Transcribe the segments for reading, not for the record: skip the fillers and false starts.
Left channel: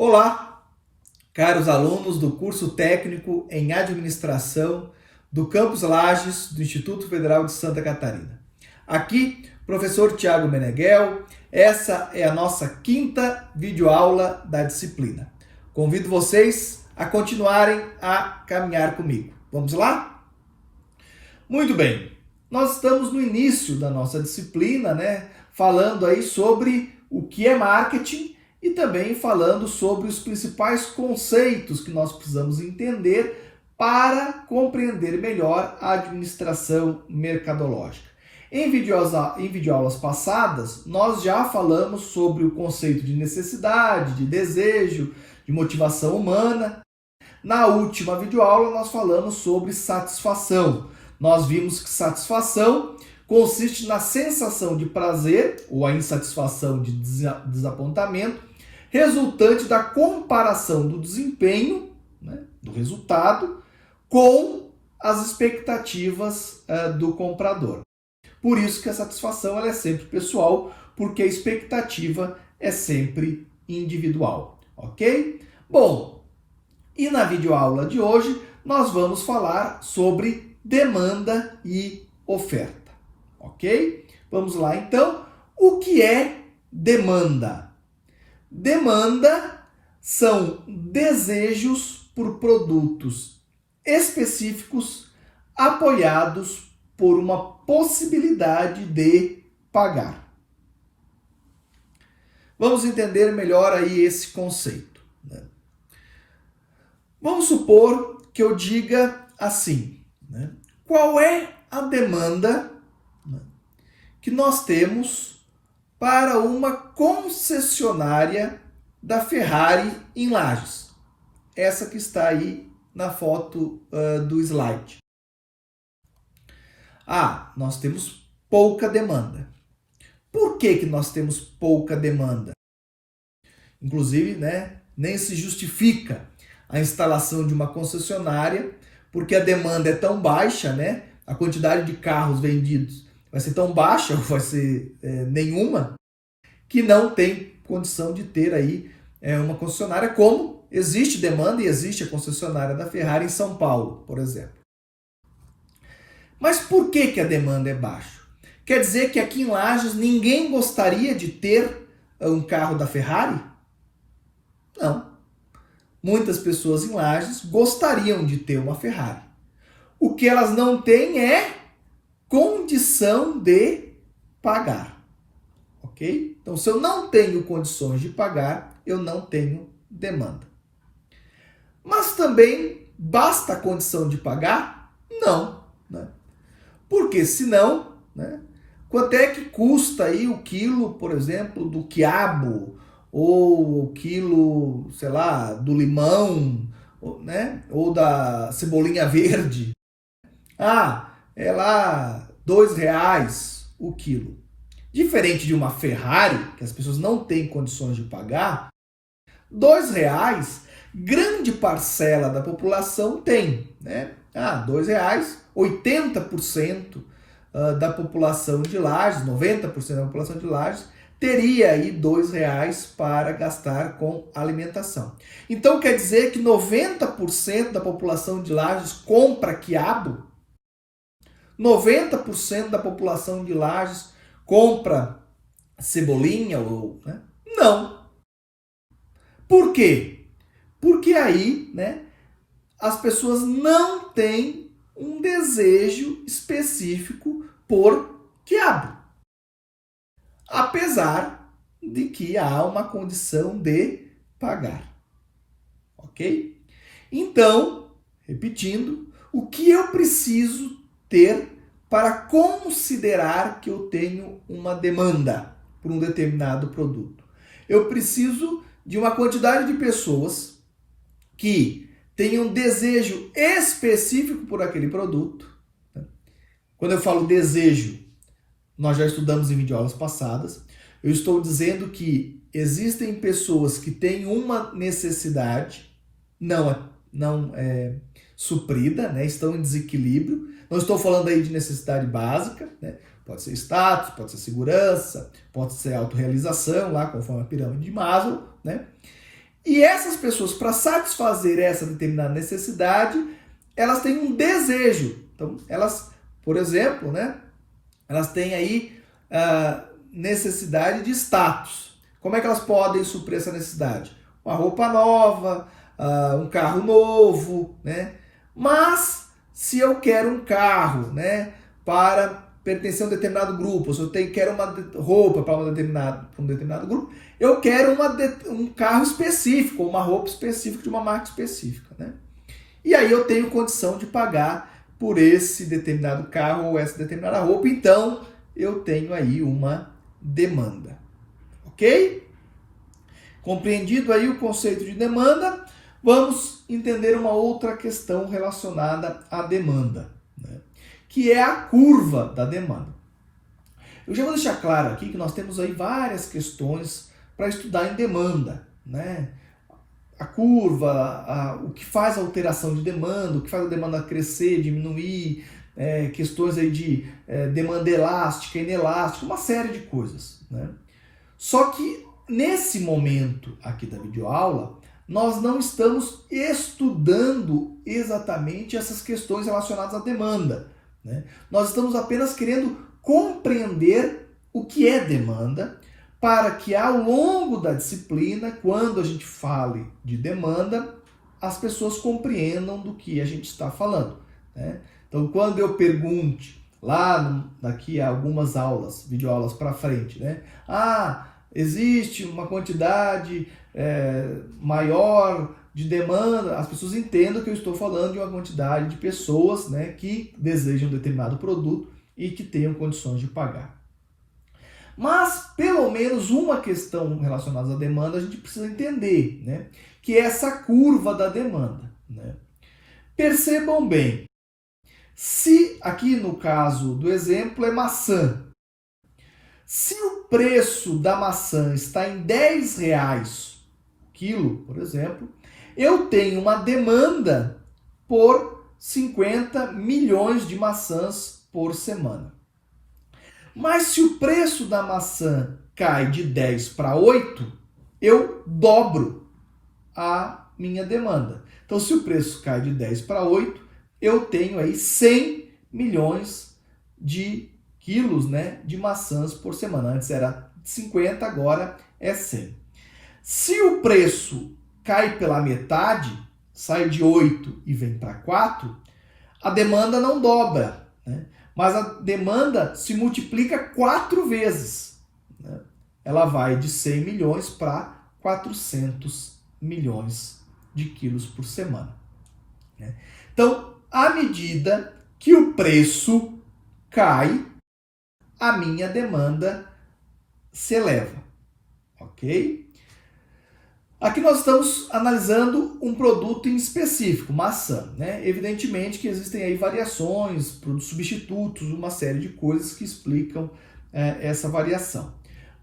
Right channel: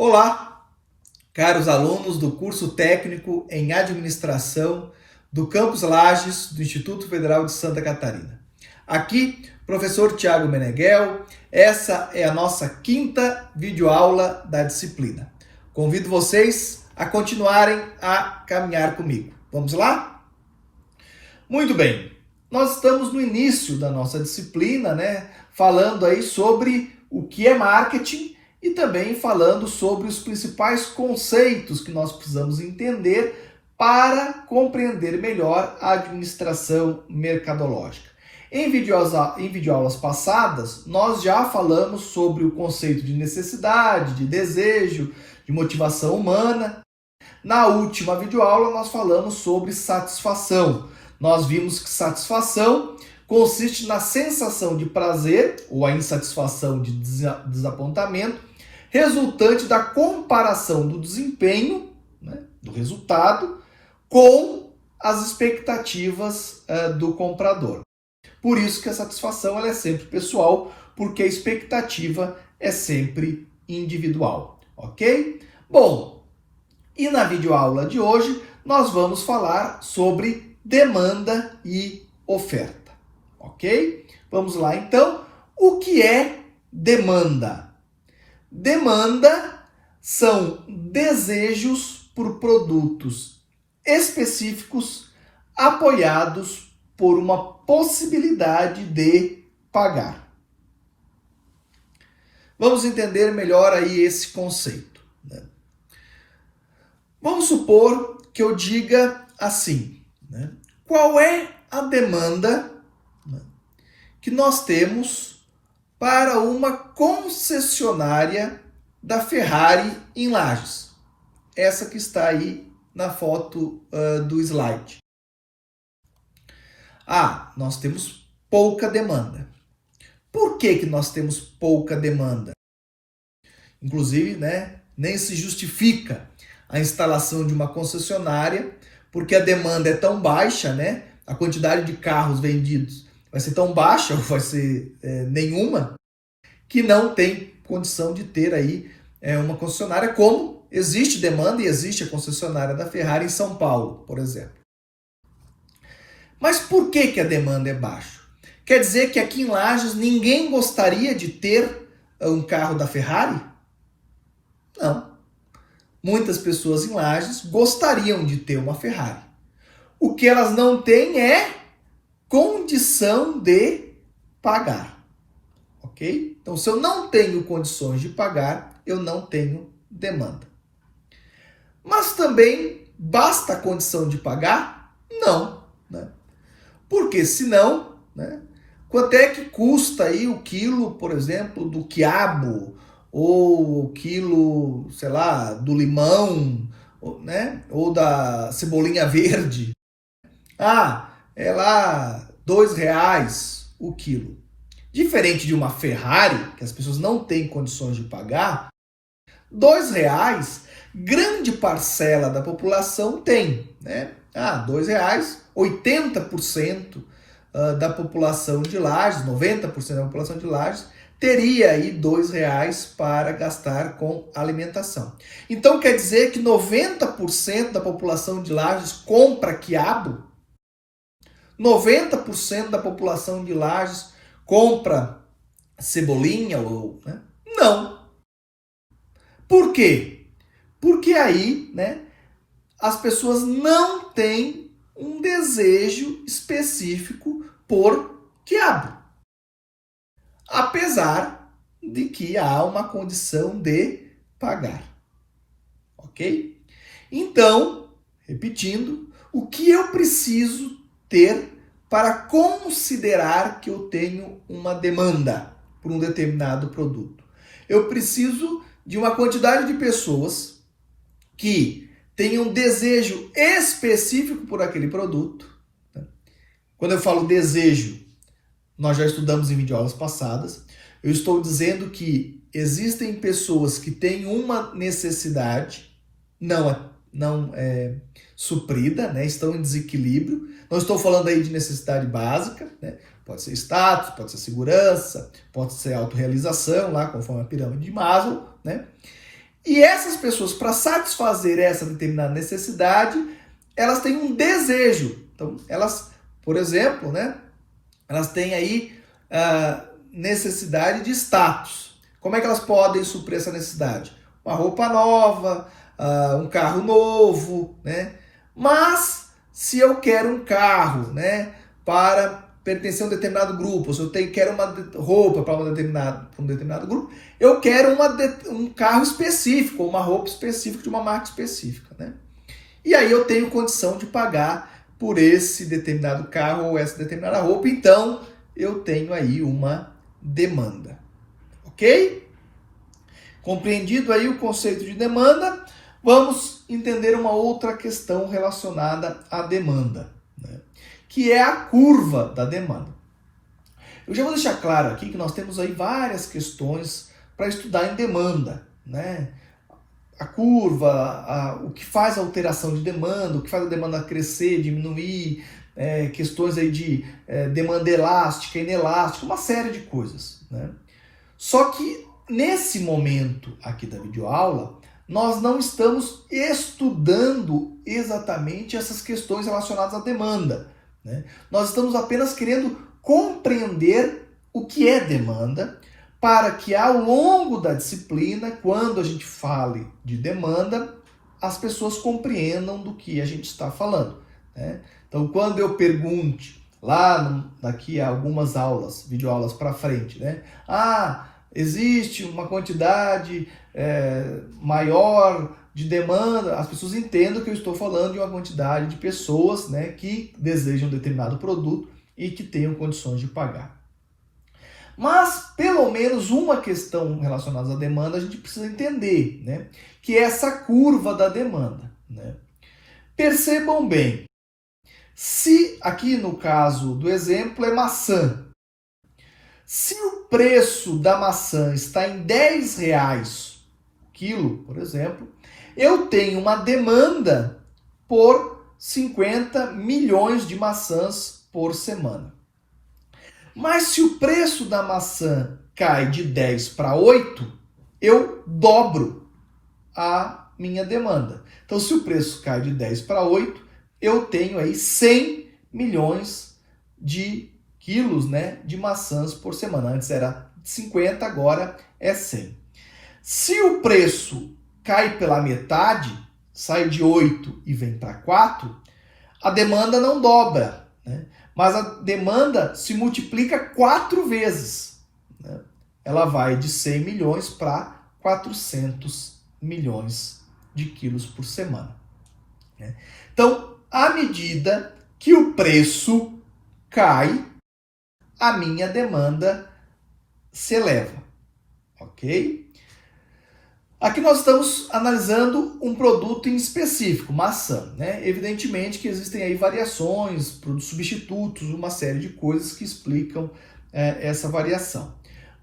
Olá, caros alunos do curso técnico em administração do Campus Lages do Instituto Federal de Santa Catarina. Aqui, professor Tiago Meneghel, essa é a nossa quinta videoaula da disciplina. Convido vocês a continuarem a caminhar comigo. Vamos lá? Muito bem, nós estamos no início da nossa disciplina, falando aí sobre o que é marketing e também falando sobre os principais conceitos que nós precisamos entender para compreender melhor a administração mercadológica. Em videoaulas passadas, nós já falamos sobre o conceito de necessidade, de desejo, de motivação humana. Na última videoaula, nós falamos sobre satisfação. Nós vimos que satisfação consiste na sensação de prazer ou a insatisfação de desapontamento resultante da comparação do desempenho, do resultado, com as expectativas do comprador. Por isso que a satisfação ela é sempre pessoal, porque a expectativa é sempre individual, ok? Bom, e na videoaula de hoje nós vamos falar sobre demanda e oferta, ok? Vamos lá então. O que é demanda? Demanda são desejos por produtos específicos apoiados por uma possibilidade de pagar. Vamos entender melhor aí esse conceito. Vamos supor que eu diga assim, qual é a demanda que nós temos para uma concessionária da Ferrari em Lages? Essa que está aí na foto do slide. Nós temos pouca demanda. Por que nós temos pouca demanda? Inclusive, nem se justifica a instalação de uma concessionária, porque a demanda é tão baixa, a quantidade de carros vendidos vai ser tão baixa, ou vai ser nenhuma, que não tem condição de ter aí uma concessionária, como existe demanda e existe a concessionária da Ferrari em São Paulo, por exemplo. Mas por que a demanda é baixa? Quer dizer que aqui em Lages ninguém gostaria de ter um carro da Ferrari? Não. Muitas pessoas em Lages gostariam de ter uma Ferrari. O que elas não têm é condição de pagar. Ok? Então, se eu não tenho condições de pagar, eu não tenho demanda. Mas também basta a condição de pagar? Não. Porque senão, quanto é que custa aí o quilo, por exemplo, do quiabo, ou o quilo, sei lá, do limão, ou da cebolinha verde? É lá R$2 o quilo. Diferente de uma Ferrari, que as pessoas não têm condições de pagar, R$2, grande parcela da população tem. R$2, 80% da população de Lages, 90% da população de Lages, teria aí R$2 para gastar com alimentação. Então quer dizer que 90% da população de Lages compra quiabo? 90% da população de Lages compra cebolinha? Não. Por quê? Porque aí, as pessoas não têm um desejo específico por quiabo. Apesar de que há uma condição de pagar. Ok? Então, repetindo, o que eu preciso ter para considerar que eu tenho uma demanda por um determinado produto? Eu preciso de uma quantidade de pessoas que tenham desejo específico por aquele produto. Quando eu falo desejo, nós já estudamos em videoaulas passadas. Eu estou dizendo que existem pessoas que têm uma necessidade não suprida, estão em desequilíbrio. Não estou falando aí de necessidade básica, pode ser status, pode ser segurança, pode ser autorrealização, lá conforme a pirâmide de Maslow, E essas pessoas, para satisfazer essa determinada necessidade, elas têm um desejo. Então, elas, por exemplo, né, elas têm aí a necessidade de status. Como é que elas podem suprir essa necessidade? Uma roupa nova, um carro novo, né? Mas, se eu quero um carro, né, para pertencer a um determinado grupo, se eu quero uma roupa para um determinado grupo, eu quero um carro específico, uma roupa específica de uma marca específica, né? E aí eu tenho condição de pagar por esse determinado carro ou essa determinada roupa, então eu tenho aí uma demanda, ok? Compreendido aí o conceito de demanda, vamos entender uma outra questão relacionada à demanda, né? Que é a curva da demanda. Eu já vou deixar claro aqui que nós temos aí várias questões para estudar em demanda, né? A curva, o que faz a alteração de demanda, o que faz a demanda crescer, diminuir, questões aí de demanda elástica, inelástica, uma série de coisas, né? Só que nesse momento aqui da videoaula, nós não estamos estudando exatamente essas questões relacionadas à demanda, né? Nós estamos apenas querendo compreender o que é demanda, para que ao longo da disciplina, quando a gente fale de demanda, as pessoas compreendam do que a gente está falando, né? Então, quando eu pergunte daqui a algumas aulas, videoaulas para frente, né? Existe uma quantidade maior de demanda, as pessoas entendam que eu estou falando de uma quantidade de pessoas, né, que desejam um determinado produto e que tenham condições de pagar. Mas, pelo menos, uma questão relacionada à demanda a gente precisa entender, né? Que é essa curva da demanda, né? Percebam bem, se aqui no caso do exemplo é maçã, se o preço da maçã está em R$10 quilo, por exemplo, eu tenho uma demanda por 50 milhões de maçãs por semana. Mas se o preço da maçã cai de 10 para 8, eu dobro a minha demanda. Então, se o preço cai de 10 para 8, eu tenho aí 100 milhões de quilos, né, de maçãs por semana. Antes era 50, agora é 100. Se o preço cai pela metade, sai de 8 e vem para 4, a demanda não dobra, né? Mas a demanda se multiplica 4 vezes, né? Ela vai de 100 milhões para 400 milhões de quilos por semana, né? Então, à medida que o preço cai, a minha demanda se eleva, ok? Aqui nós estamos analisando um produto em específico, maçã, né? Evidentemente que existem aí variações, produtos substitutos, uma série de coisas que explicam essa variação.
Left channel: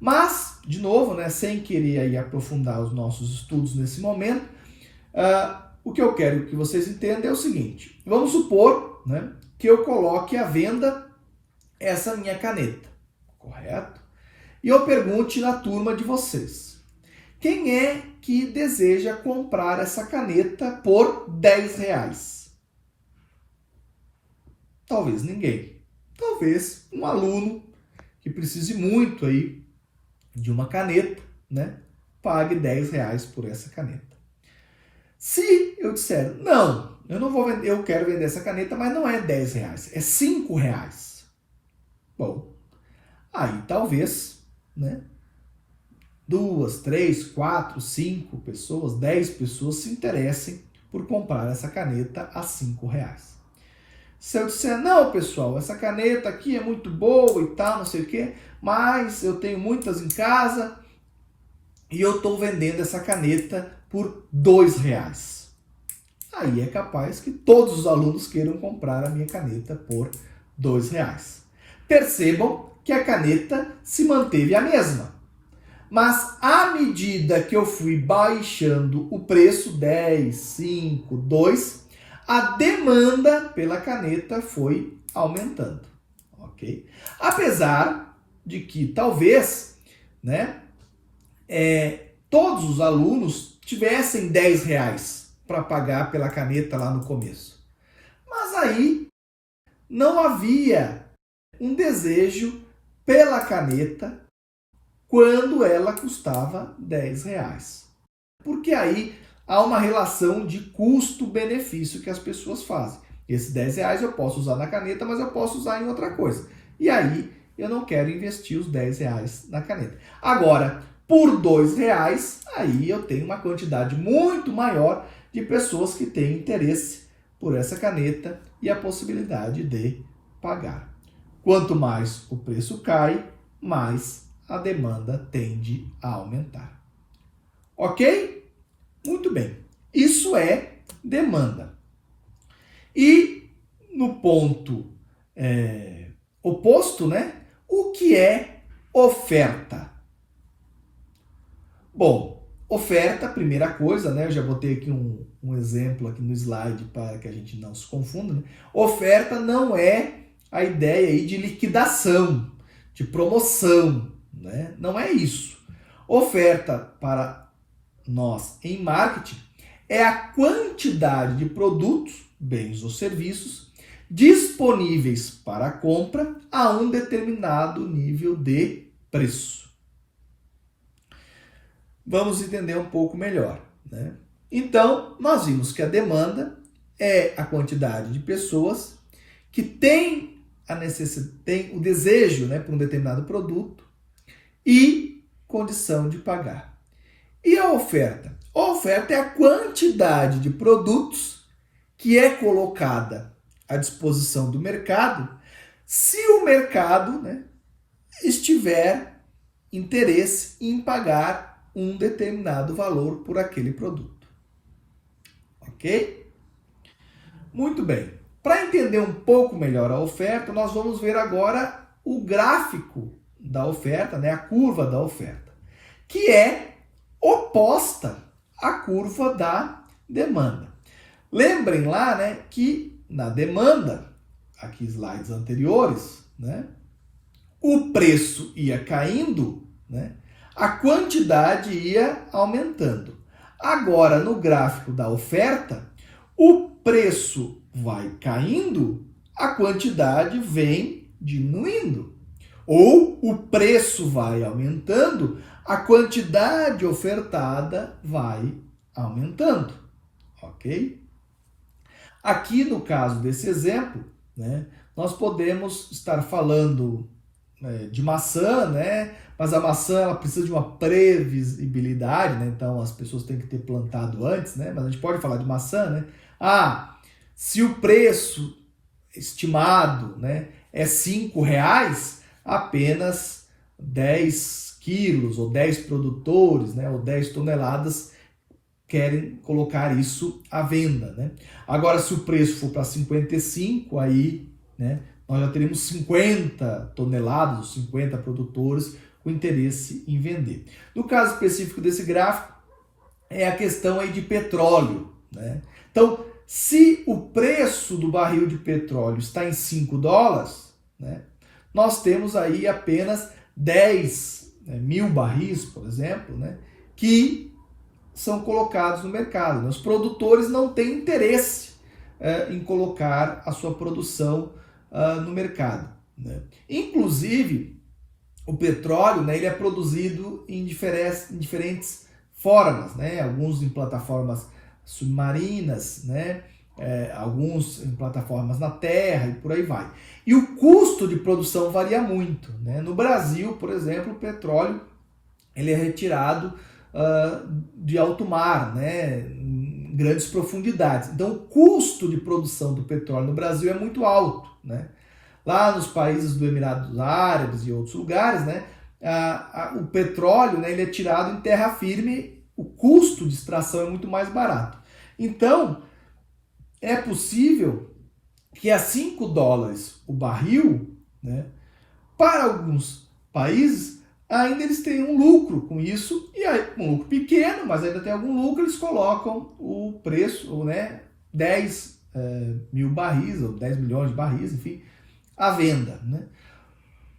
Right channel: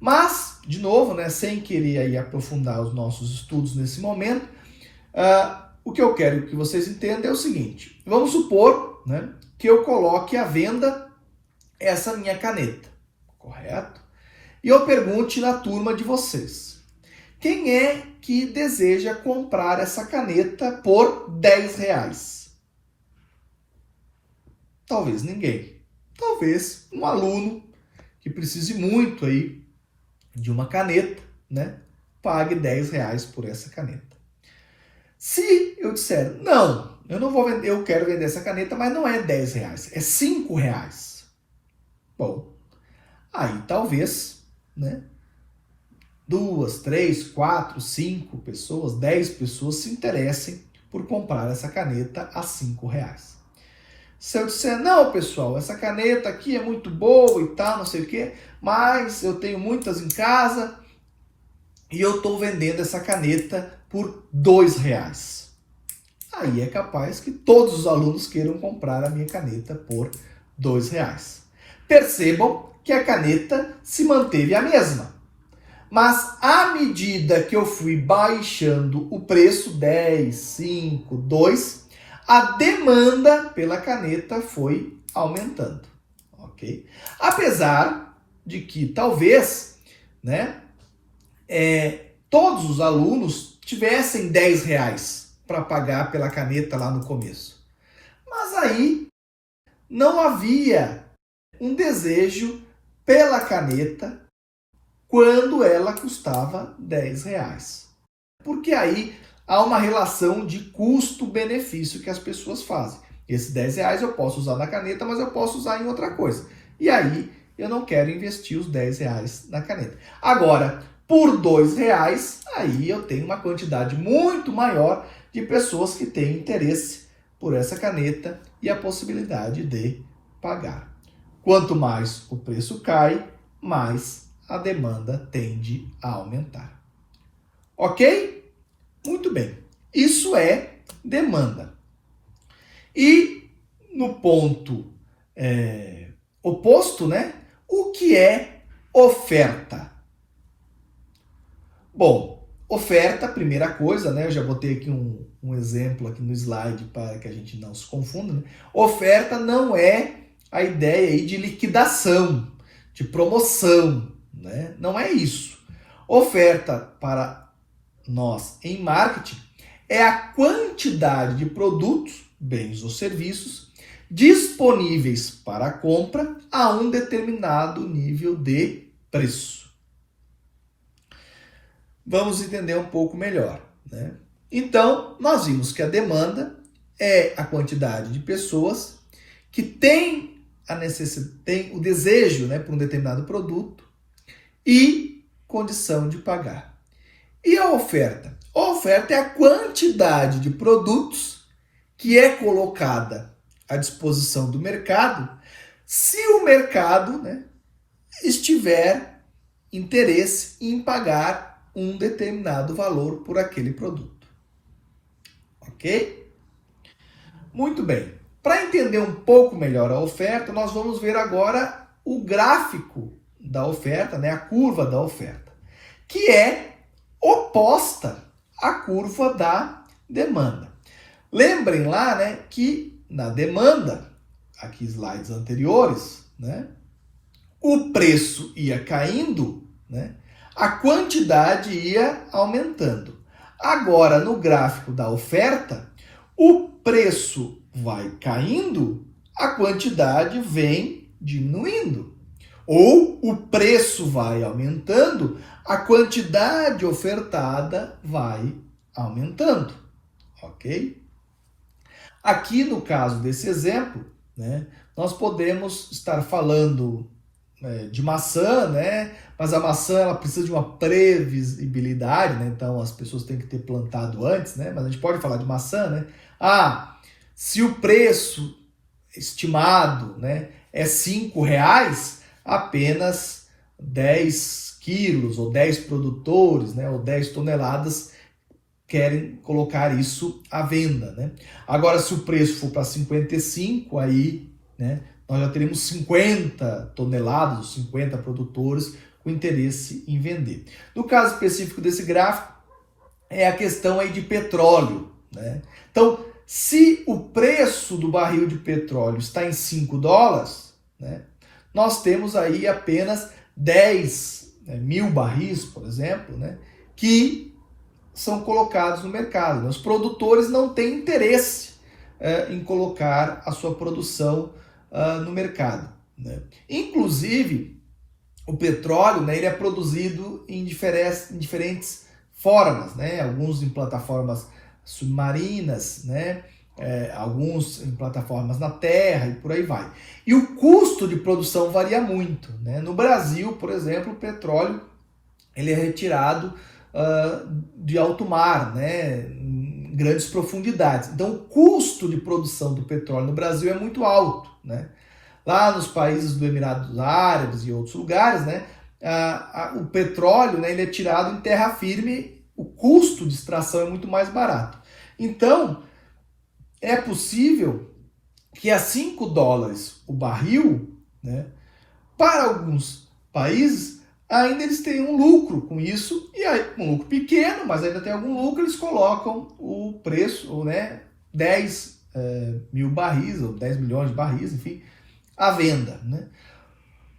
Mas, de novo, né, sem querer aí aprofundar os nossos estudos nesse momento, o que eu quero que vocês entendam é o seguinte: vamos supor, né, que eu coloque à venda essa minha caneta, correto? E eu pergunte na turma de vocês: quem é que deseja comprar essa caneta por R$10? Talvez ninguém. Talvez um aluno que precise muito aí de uma caneta, né, pague R$10 por essa caneta. Se eu disser, não, eu não vou vender, eu quero vender essa caneta, mas não é R$10, é R$5. Bom, aí talvez, né, 2, 3, 4, 5 pessoas, 10 pessoas se interessem por comprar essa caneta a R$5. Se eu disser, não, pessoal, essa caneta aqui é muito boa e tal, não sei o quê, mas eu tenho muitas em casa e eu estou vendendo essa caneta por R$2. Aí é capaz que todos os alunos queiram comprar a minha caneta por R$2. Percebam que a caneta se manteve a mesma. Mas à medida que eu fui baixando o preço, 10, 5, 2, a demanda pela caneta foi aumentando, ok? Apesar de que talvez, né, todos os alunos tivessem R$ 10 para pagar pela caneta lá no começo. Mas aí não havia um desejo pela caneta quando ela custava R$ 10. Porque aí há uma relação de custo-benefício que as pessoas fazem. Esses R$ 10 eu posso usar na caneta, mas eu posso usar em outra coisa. E aí eu não quero investir os R$ 10 na caneta. Agora, por R$ 2, aí eu tenho uma quantidade muito maior de pessoas que têm interesse por essa caneta e a possibilidade de pagar. Quanto mais o preço cai, mais a demanda tende a aumentar. Ok? Muito bem. Isso é demanda. E no ponto oposto, né? O que é oferta? Bom, oferta, primeira coisa, né? Eu já botei aqui um exemplo aqui no slide para que a gente não se confunda, né? Oferta não é a ideia aí de liquidação, de promoção, né? Não é isso. Oferta para nós em marketing é a quantidade de produtos, bens ou serviços disponíveis para compra a um determinado nível de preço. Vamos entender um pouco melhor, né? Então, nós vimos que a demanda é a quantidade de pessoas que têm o desejo, né, por um determinado produto e condição de pagar. E a oferta? A oferta é a quantidade de produtos que é colocada à disposição do mercado se o mercado, né, estiver interesse em pagar um determinado valor por aquele produto. Ok? Muito bem. Para entender um pouco melhor a oferta, nós vamos ver agora o gráfico da oferta, né, a curva da oferta, que é oposta à curva da demanda. Lembrem lá, né, que na demanda, aqui slides anteriores, né, o preço ia caindo, né, a quantidade ia aumentando. Agora, no gráfico da oferta, o preço vai caindo, a quantidade vem diminuindo. Ou o preço vai aumentando, a quantidade ofertada vai aumentando. Ok? Aqui, no caso desse exemplo, né, nós podemos estar falando de maçã, né? Mas a maçã ela precisa de uma previsibilidade, né? Então as pessoas têm que ter plantado antes, né? Mas a gente pode falar de maçã, né? Se o preço estimado, né, é R$ 5, apenas 10 quilos ou 10 produtores, né, ou 10 toneladas querem colocar isso à venda, né? Agora, se o preço for para 55, aí, né, nós já teremos 50 toneladas, 50 produtores com interesse em vender. No caso específico desse gráfico, é a questão aí de petróleo, né? Então, se o preço do barril de petróleo está em $5, né, nós temos aí apenas 10 mil barris, por exemplo, né, que são colocados no mercado. Né? Os produtores não têm interesse em colocar a sua produção no mercado. Né? Inclusive, o petróleo, né, ele é produzido em diferentes formas, né? Alguns em plataformas submarinas, né? Alguns em plataformas na terra e por aí vai. E o custo de produção varia muito. Né? No Brasil, por exemplo, o petróleo ele é retirado de alto mar, né? Em grandes profundidades. Então, o custo de produção do petróleo no Brasil é muito alto. Né? Lá nos países do Emirados Árabes e outros lugares, né, o petróleo, né, ele é tirado em terra firme, o custo de extração é muito mais barato. Então, é possível que a $5 o barril, né, para alguns países, ainda eles tenham um lucro com isso, e aí, um lucro pequeno, mas ainda tem algum lucro, eles colocam o preço, né, 10 mil barris, ou 10 milhões de barris, enfim, à venda. Né?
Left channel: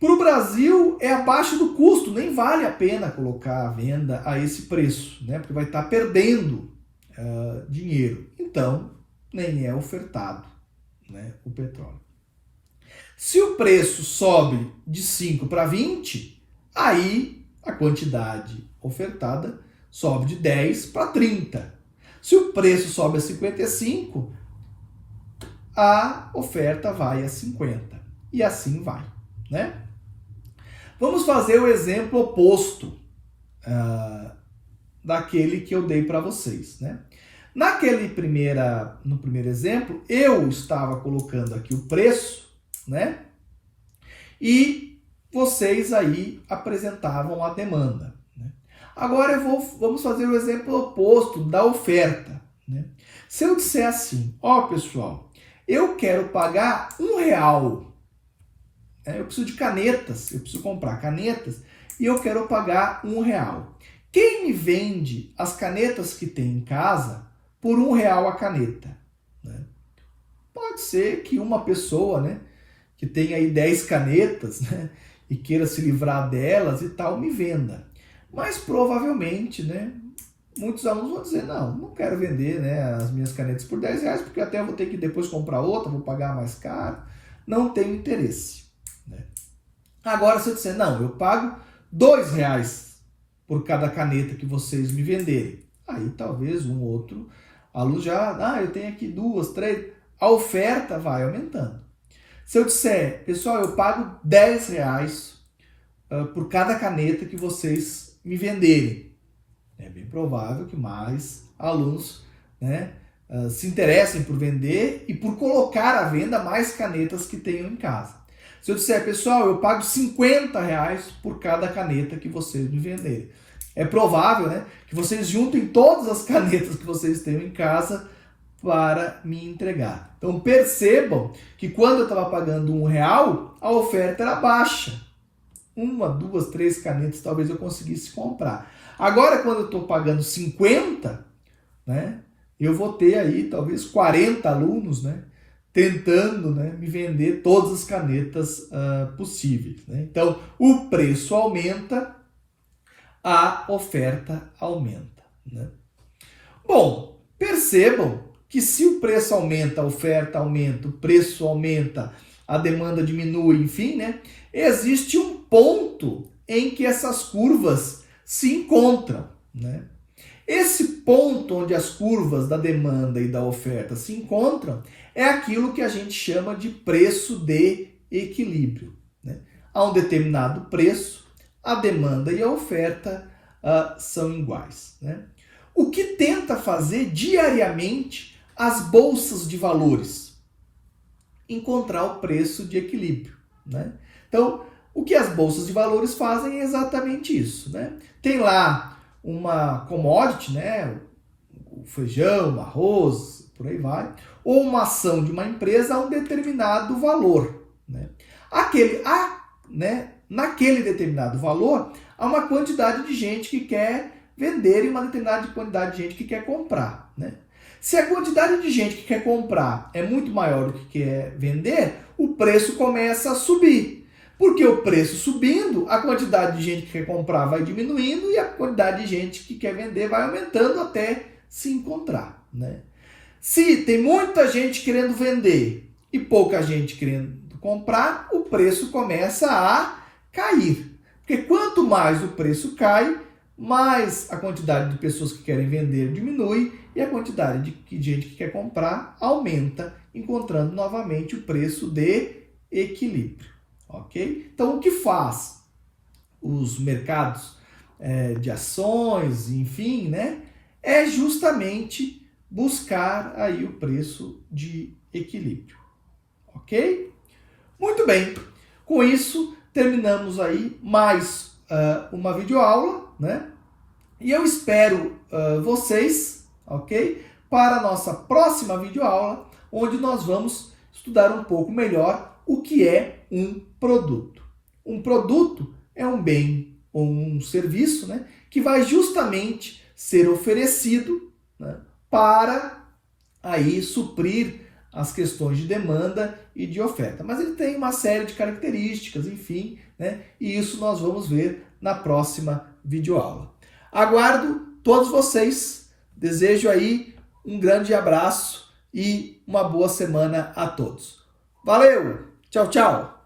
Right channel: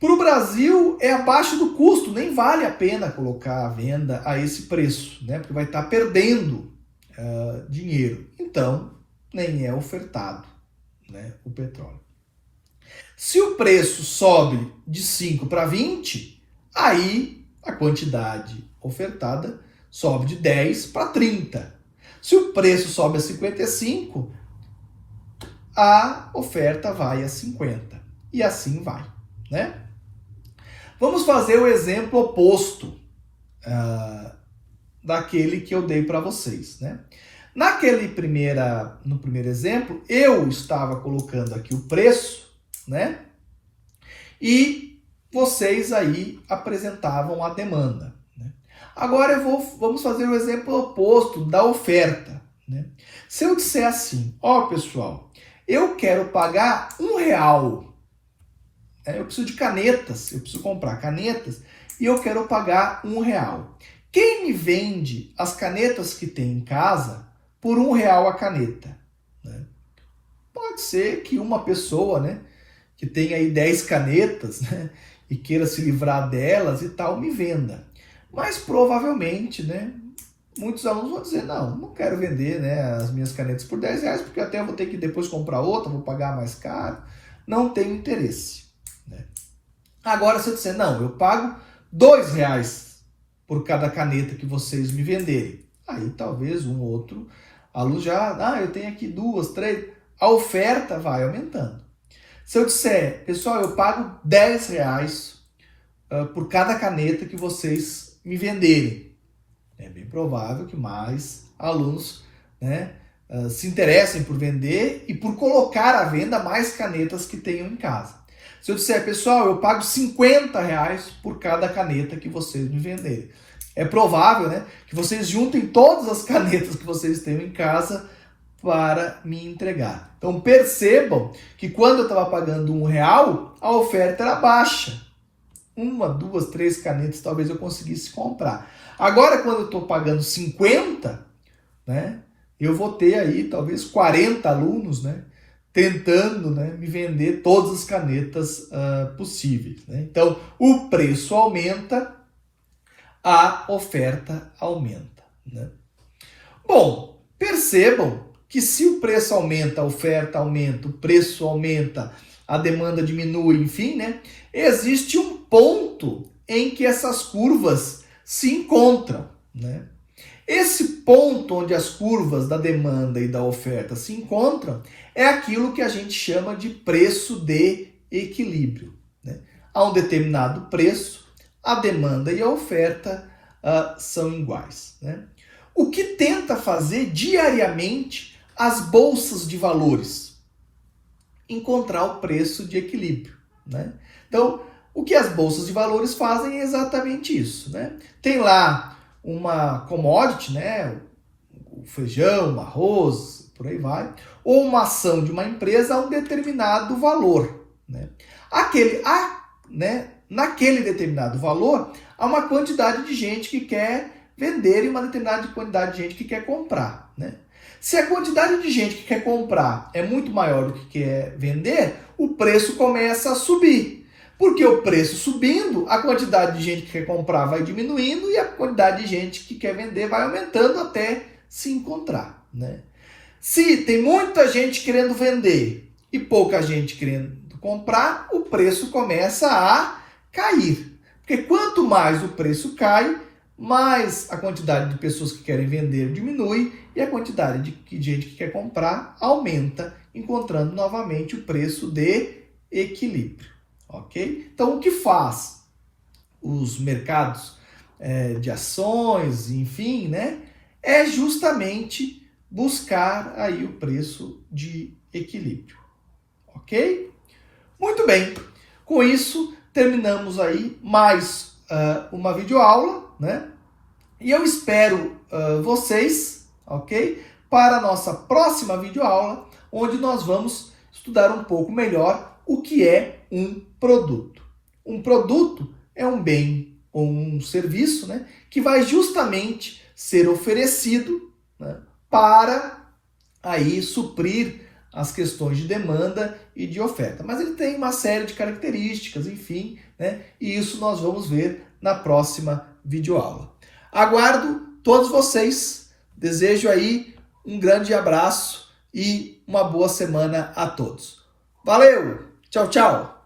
Para o Brasil é abaixo do custo, nem vale a pena colocar a venda a esse preço, né? Porque vai estar perdendo dinheiro. Então, nem é ofertado, né, o petróleo. Se o preço sobe de 5 para 20, aí a quantidade ofertada sobe de 10 para 30. Se o preço sobe a 55, a oferta vai a 50. E assim vai, né? Vamos fazer o exemplo oposto daquele que eu dei para vocês, né? No primeiro exemplo, eu estava colocando aqui o preço, né? E vocês aí apresentavam a demanda, né? Agora vamos fazer o exemplo oposto da oferta, né? Se eu disser assim, ó pessoal, eu quero pagar R$1, eu preciso de canetas, eu preciso comprar canetas e eu quero pagar R$1. Quem me vende as canetas que tem em casa por R$1 a caneta, né? Pode ser que uma pessoa, né, que tem aí 10 canetas, né, e queira se livrar delas e tal, me venda. Mas provavelmente, né, muitos alunos vão dizer, não quero vender, né, as minhas canetas por R$10, porque até eu vou ter que depois comprar outra, vou pagar mais caro, não tenho interesse, né? Agora, se eu disser, não, eu pago R$2 por cada caneta que vocês me venderem, aí talvez um outro aluno já, eu tenho aqui 2, 3, a oferta vai aumentando. Se eu disser, pessoal, eu pago R$10 por cada caneta que vocês me venderem, é bem provável que mais alunos, né, se interessem por vender e por colocar à venda mais canetas que tenham em casa. Se eu disser, pessoal, eu pago R$50 por cada caneta que vocês me venderem, é provável, né, que vocês juntem todas as canetas que vocês tenham em casa para me entregar. Então percebam que quando eu estava pagando R$1, a oferta era baixa. 1, 2, 3 canetas talvez eu conseguisse comprar. Agora, quando eu estou pagando 50, né, eu vou ter aí talvez 40 alunos, né, tentando, né, me vender todas as canetas possíveis, né? Então, o preço aumenta, a oferta aumenta, né? Bom, percebam que se o preço aumenta, a oferta aumenta, o preço aumenta, a demanda diminui, enfim, né, existe um ponto em que essas curvas se encontram, né? Esse ponto onde as curvas da demanda e da oferta se encontram é aquilo que a gente chama de preço de equilíbrio, né? A um determinado preço, a demanda e a oferta são iguais, né? O que tenta fazer diariamente as bolsas de valores? Encontrar o preço de equilíbrio, né? Então, o que as bolsas de valores fazem é exatamente isso, né? Tem lá uma commodity, né? O feijão, o arroz, por aí vai, ou uma ação de uma empresa a um determinado valor, né? Naquele determinado valor, há uma quantidade de gente que quer vender e uma determinada quantidade de gente que quer comprar, né? Se a quantidade de gente que quer comprar é muito maior do que quer vender, o preço começa a subir. Porque o preço subindo, a quantidade de gente que quer comprar vai diminuindo e a quantidade de gente que quer vender vai aumentando até se encontrar, né? Se tem muita gente querendo vender e pouca gente querendo comprar, o preço começa a cair. Porque quanto mais o preço cai, mais a quantidade de pessoas que querem vender diminui e a quantidade de gente que quer comprar aumenta, encontrando novamente o preço de equilíbrio. Ok? Então, o que faz os mercados de ações, enfim, né, é justamente buscar aí o preço de equilíbrio. Ok? Muito bem. Com isso, terminamos aí mais uma videoaula, né? E eu espero vocês, ok? Para a nossa próxima videoaula, onde nós vamos estudar um pouco melhor o que é um produto. Um produto é um bem ou um serviço, né, que vai justamente ser oferecido, né, para aí suprir as questões de demanda e de oferta. Mas ele tem uma série de características, enfim, né? E isso nós vamos ver na próxima videoaula. Aguardo todos vocês. Desejo aí um grande abraço e uma boa semana a todos. Valeu! Tchau, tchau!